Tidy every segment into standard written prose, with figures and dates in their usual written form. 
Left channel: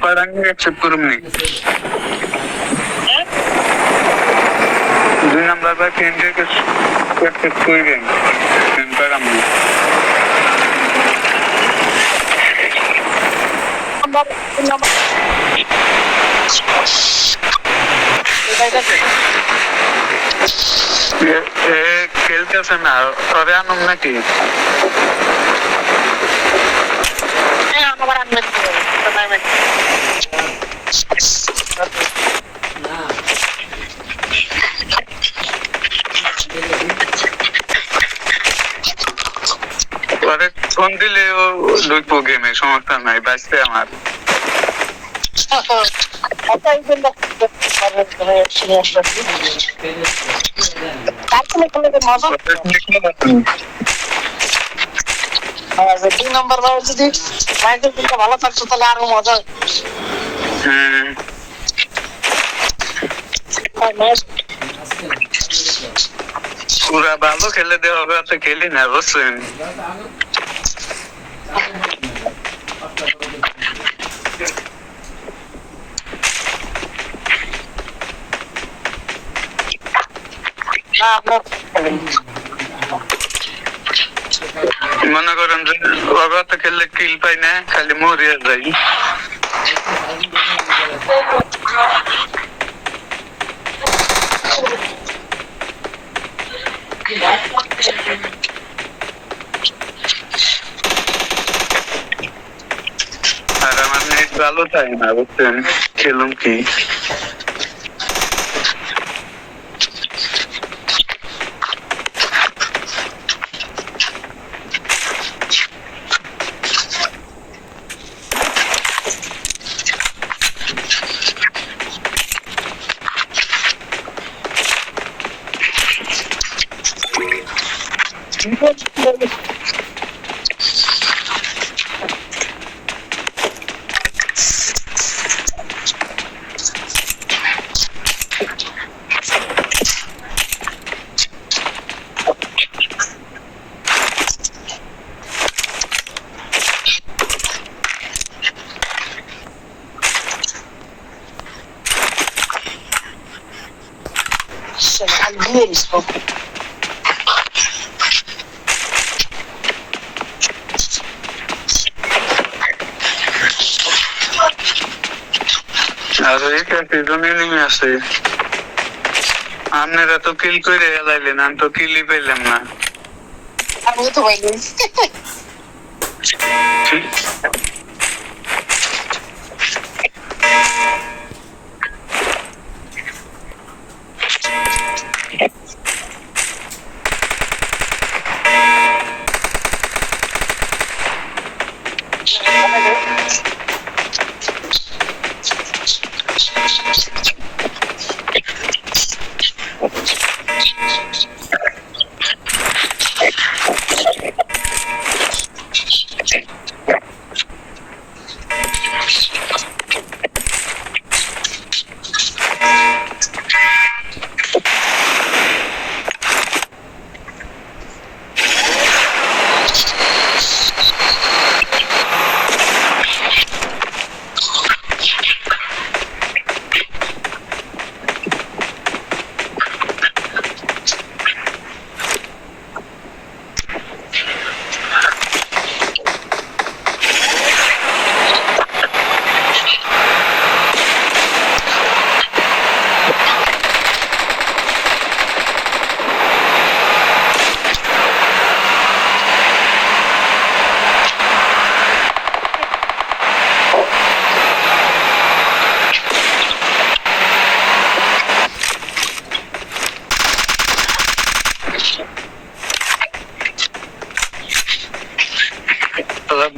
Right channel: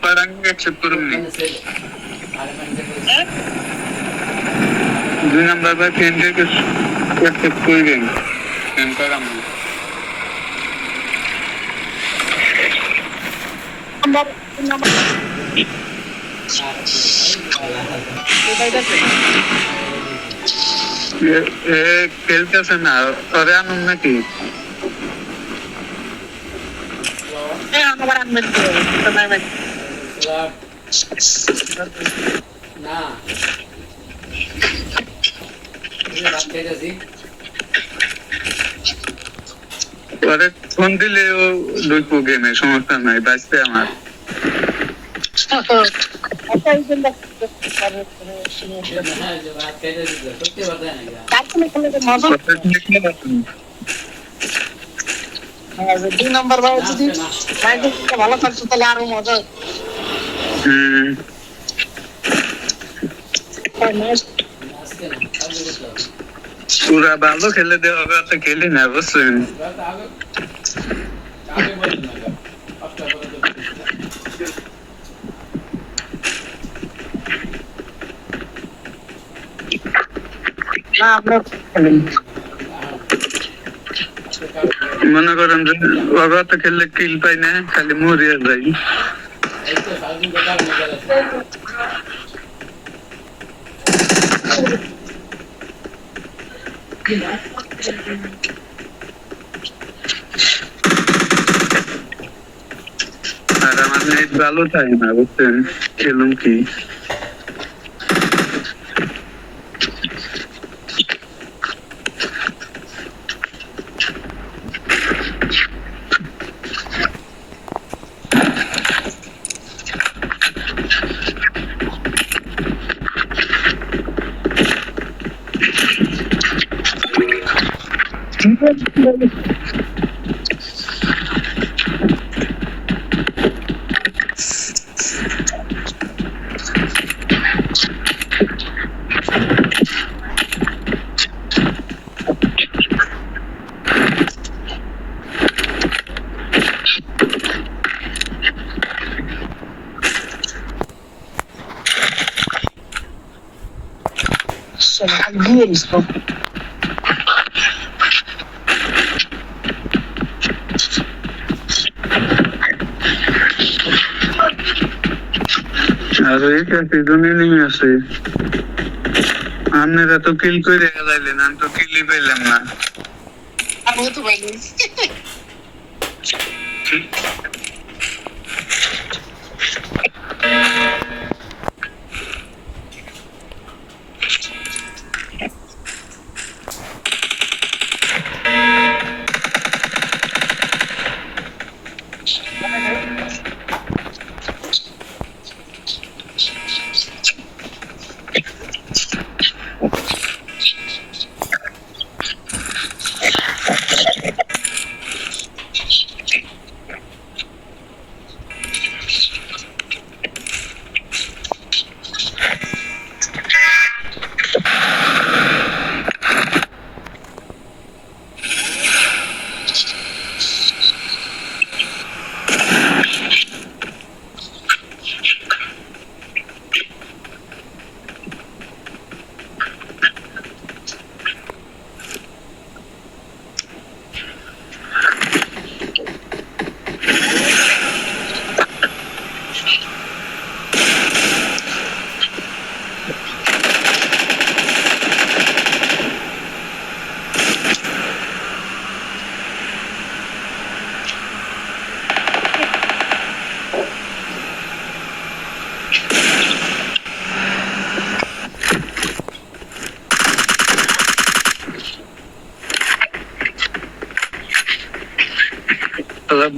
Parang accept ko rin eh. Doon ang baba, hindi ko accept ko rin. Yan parang mo. খেলতেছে না তবে আনুন নাকি পরে ফোন দিলে ও ঢুকবো গেমে সমস্যা নাই বাঁচতে আমার দুই নম্বর ভাই যদি ভালো থাকতো তাহলে আরো মজা ওরা ভালো খেলে দেওয়া তো খেলি না বুঝছেন না আপনার মনে করেন যে ওরা তো খেললে কিল পাই না খালি মরিয়া যাই আর আমার নেট ভালো থাকে না বুঝছেন খেলুম কি আর এই সিজনে নেমে আছে আপনারা তো কিল করে যাইলেন আমি তো কিলই পেলাম না আমি তো পাইনি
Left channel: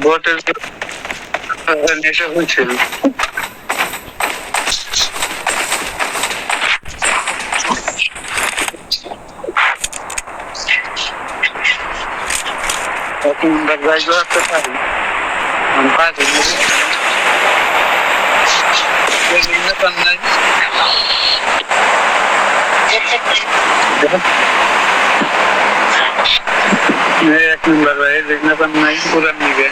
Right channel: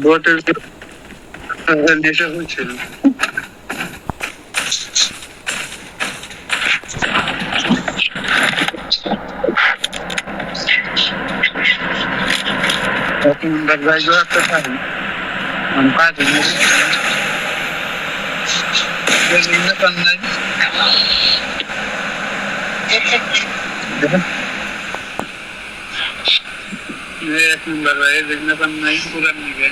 বটের নেশা হয়েছিল এখন যাইবো একটা পারি আমি পারি নাই एक नंबर भाई देखना पण नाही पुरा निघे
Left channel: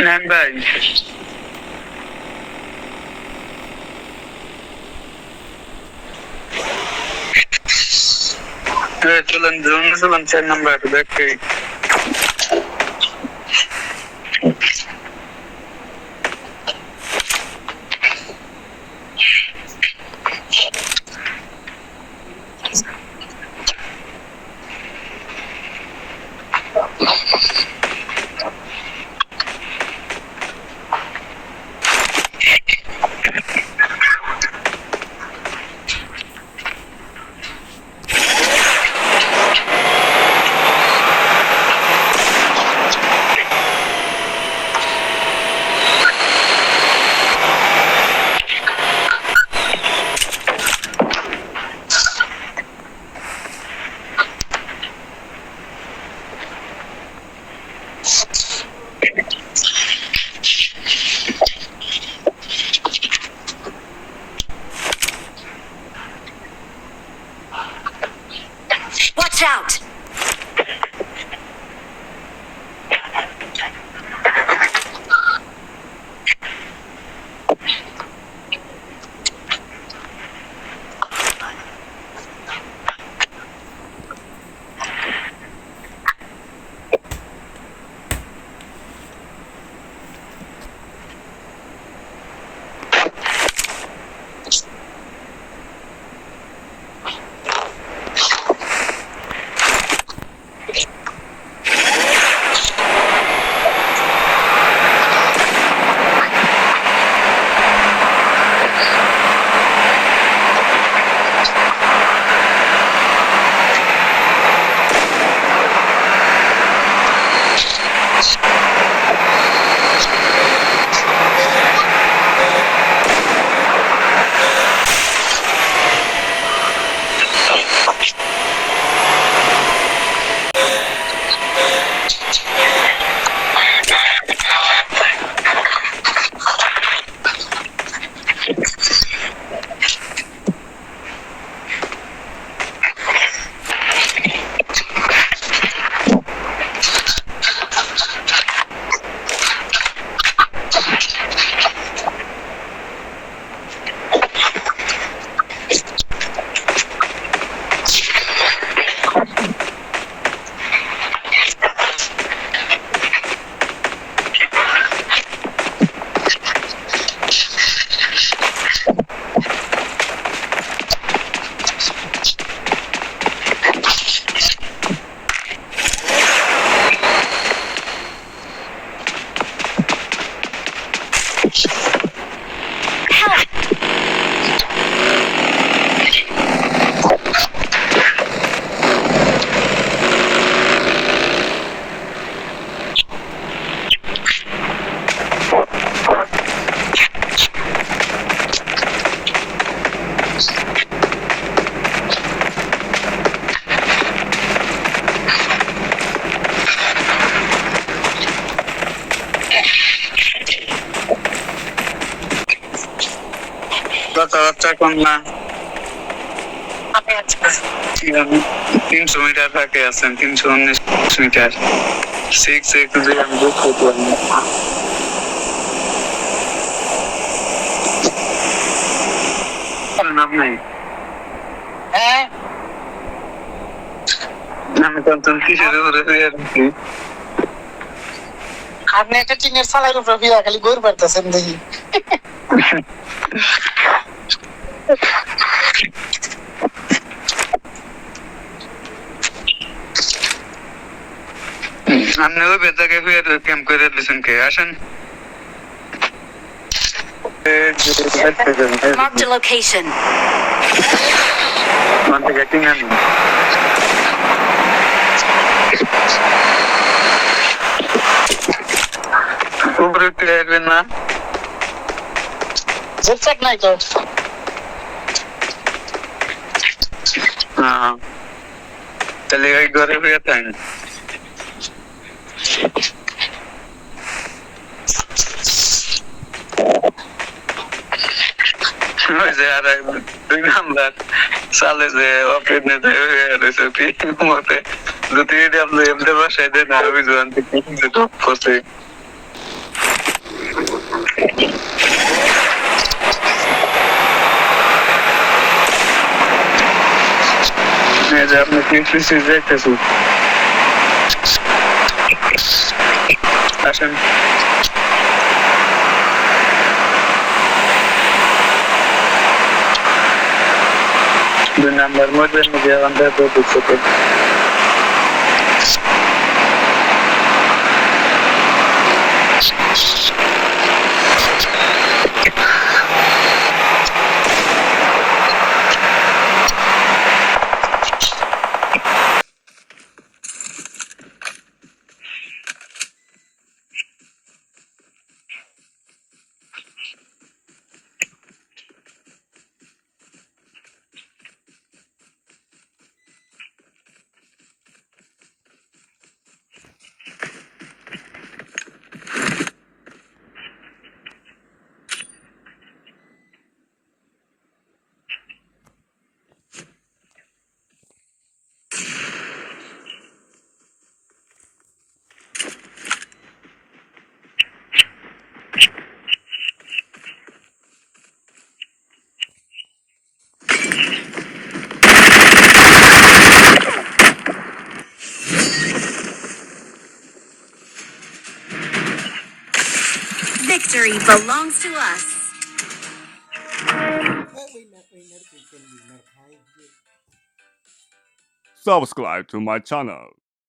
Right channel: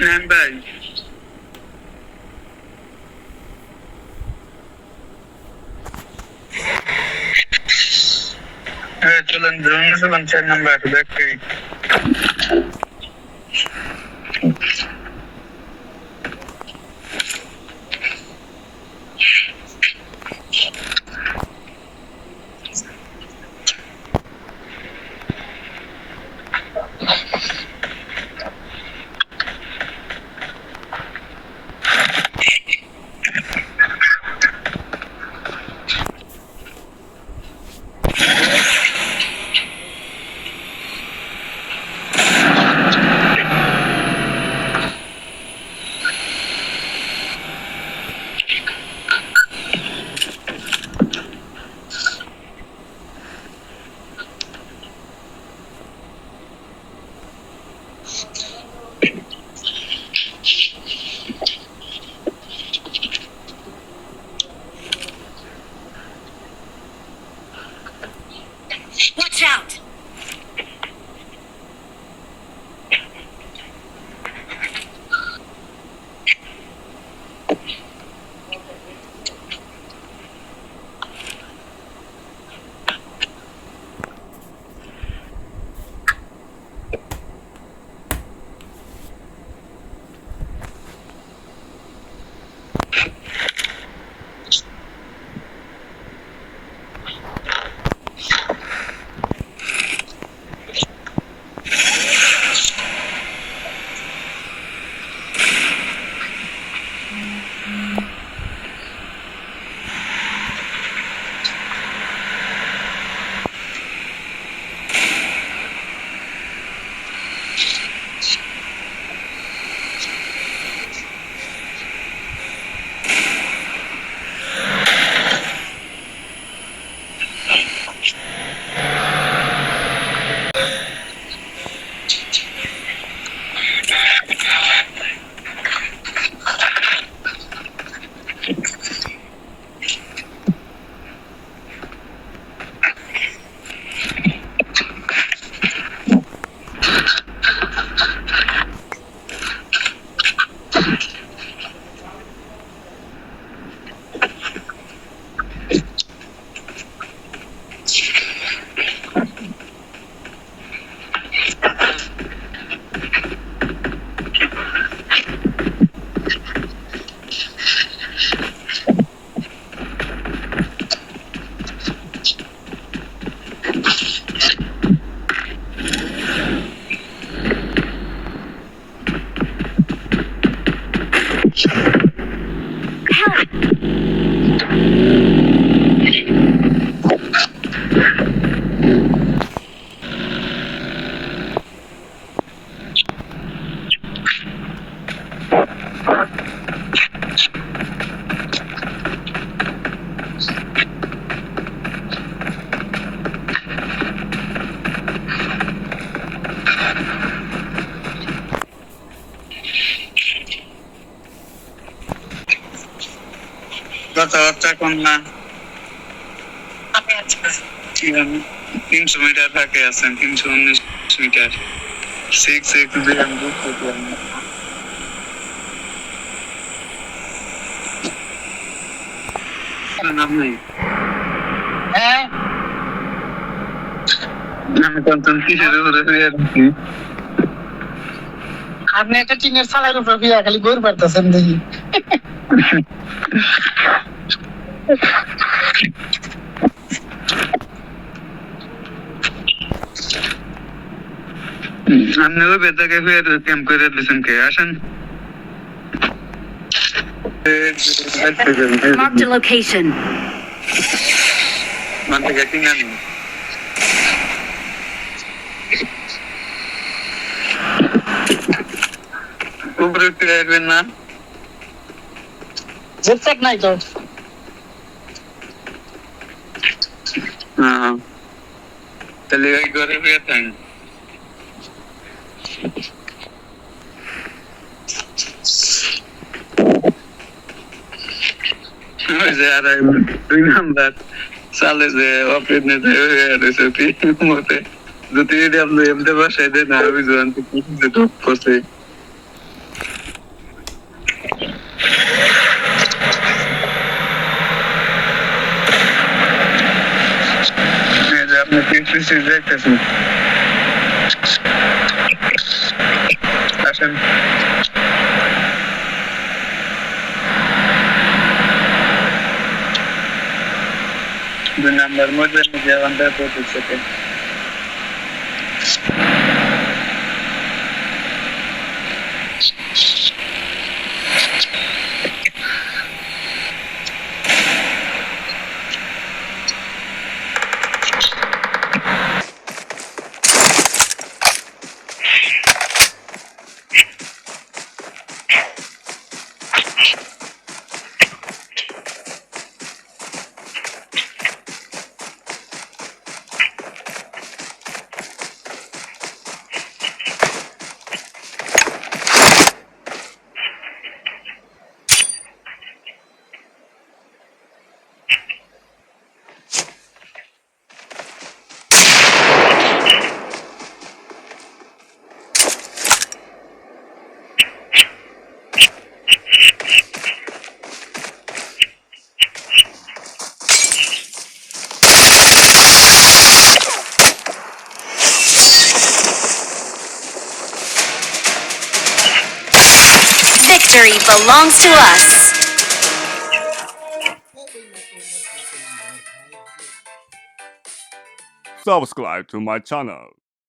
नाही भाई चलन जाऊन चलन नंबर देख के Watch out! কথাবার্তা কম না। 300 মিটার ফাঁকে আছেন, 319 মিটার। 6 আমি বুক করলাম। আপনি হ্যাঁ আমি কখন কিসের উপরে হয়ে আছি? আপনি একটা টিনের চালের উপরে বিয়া খালি গরু পারতেছেন দেখি। আপনি ওই বেতাকে হয়ে ক্যাম্প করে দিয়েছেন কে? আসেন। Marked a location. উপরে উঠতে আসবেন না? জেট চেক নাই তো। হ্যাঁ, তাহলে ওই ঘরে হয়ে থাকেন। ওই যে আর 2 নাম্বার চালে যে অপেনে হয়ে রয়েছে মতে, যদি আপনি এমনি বাসায় দেন আর ওই জোয়ান থেকে ঢুক করছে। আপনি টিএসসি যাইতেছেন, আসেন। 2 নাম্বার মধ্যে আমাদের প্রতিষ্ঠাতে Victory belongs to us. Subscribe to my channel.